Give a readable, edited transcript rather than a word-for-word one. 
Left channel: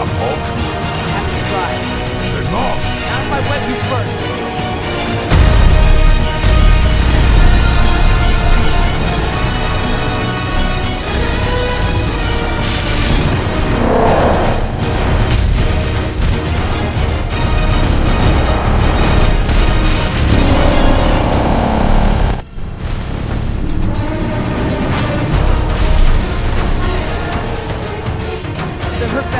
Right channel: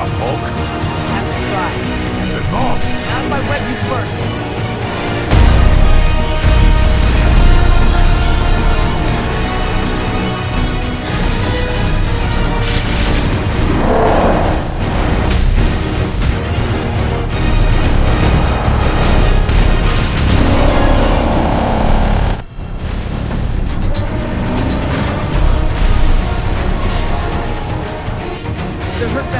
up, Hulk? Have to try. Then off! Not if I wet you first. Did it hurt bad?